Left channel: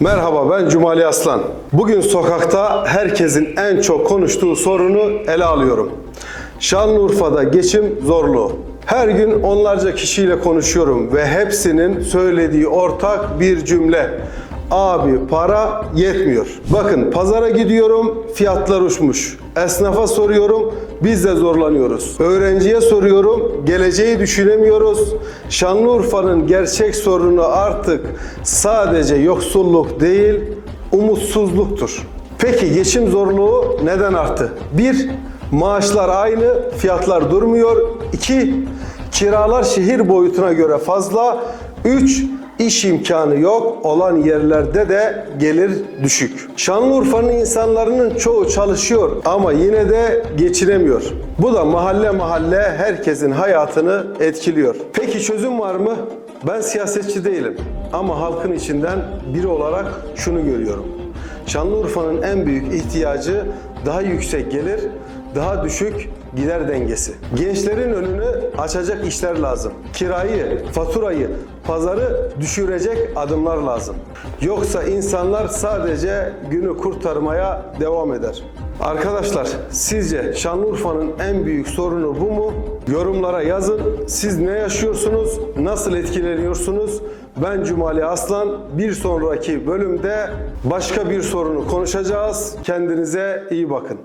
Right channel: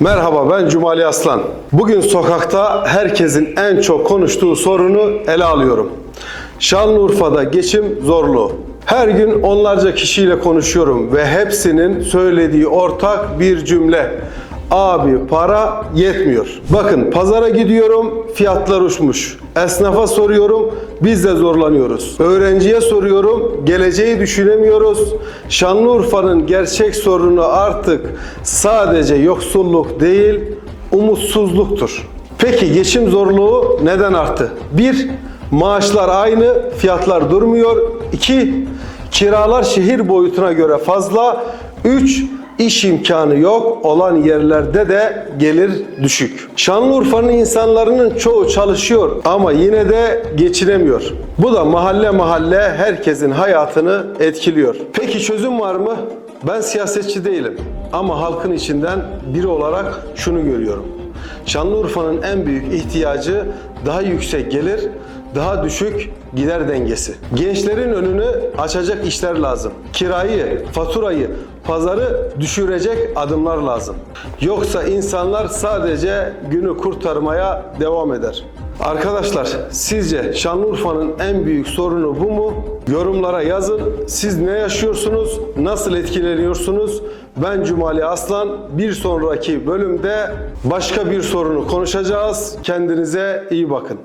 Merhaba ben Cumali Aslan. Bugün sokakta herkesin en çok konuştuğu sorunu ele alıyorum. Şanlıurfa'da geçim zorluğu. Her gün onlarca kişiyle konuşuyorum ve hepsinin söylediği ortak bir cümle. Abi para yetmiyor. Bakın pazara gidiyorum fiyatlar uçmuş. Esnafa soruyorum biz de zorlanıyoruz. Öğrenciye soruyorum geleceği düşünemiyoruz. Şanlıurfa'nın gerçek sorunu artık sadece yoksulluk değil umutsuzluktur. Peki geçim zorluğu neden arttı? 1. Maaşlar aynı, fiyatlar durmuyor. 2. Kiralar şehir boyutuna göre fazla. 3. İş imkanı yok olan yerlerde de gelir düşük. Şanlıurfa'nın insanların çoğu çalışıyor ama yine de geçinemiyor. Bu da mahalle mahalle herkesin hayatını etkiliyor. Peki çözüm var mı? Ben siyasetçi değilim ama halkın içinden biri olarak şunu görüyorum. Şanlıurfa'nın en büyük ihtiyacı daha yüksek gelir, daha düşük gider dengesi. Gençlerin önünü açacak işler lazım. Kirayı, faturayı, pazarı düşürecek adımlar lazım. Yoksa insanlar sadece günü kurtarmaya devam eder. Arkadaşlar sizce Şanlıurfa'nın en büyük sorunu bu mu? Yorumlara yazın. Siz ne yaşıyorsunuz? Nasıl etkileniyorsunuz? Ben Cumali Aslan. Bir sonraki bölümde başka bir sorunu konuşacağız. Kendinize iyi bakın.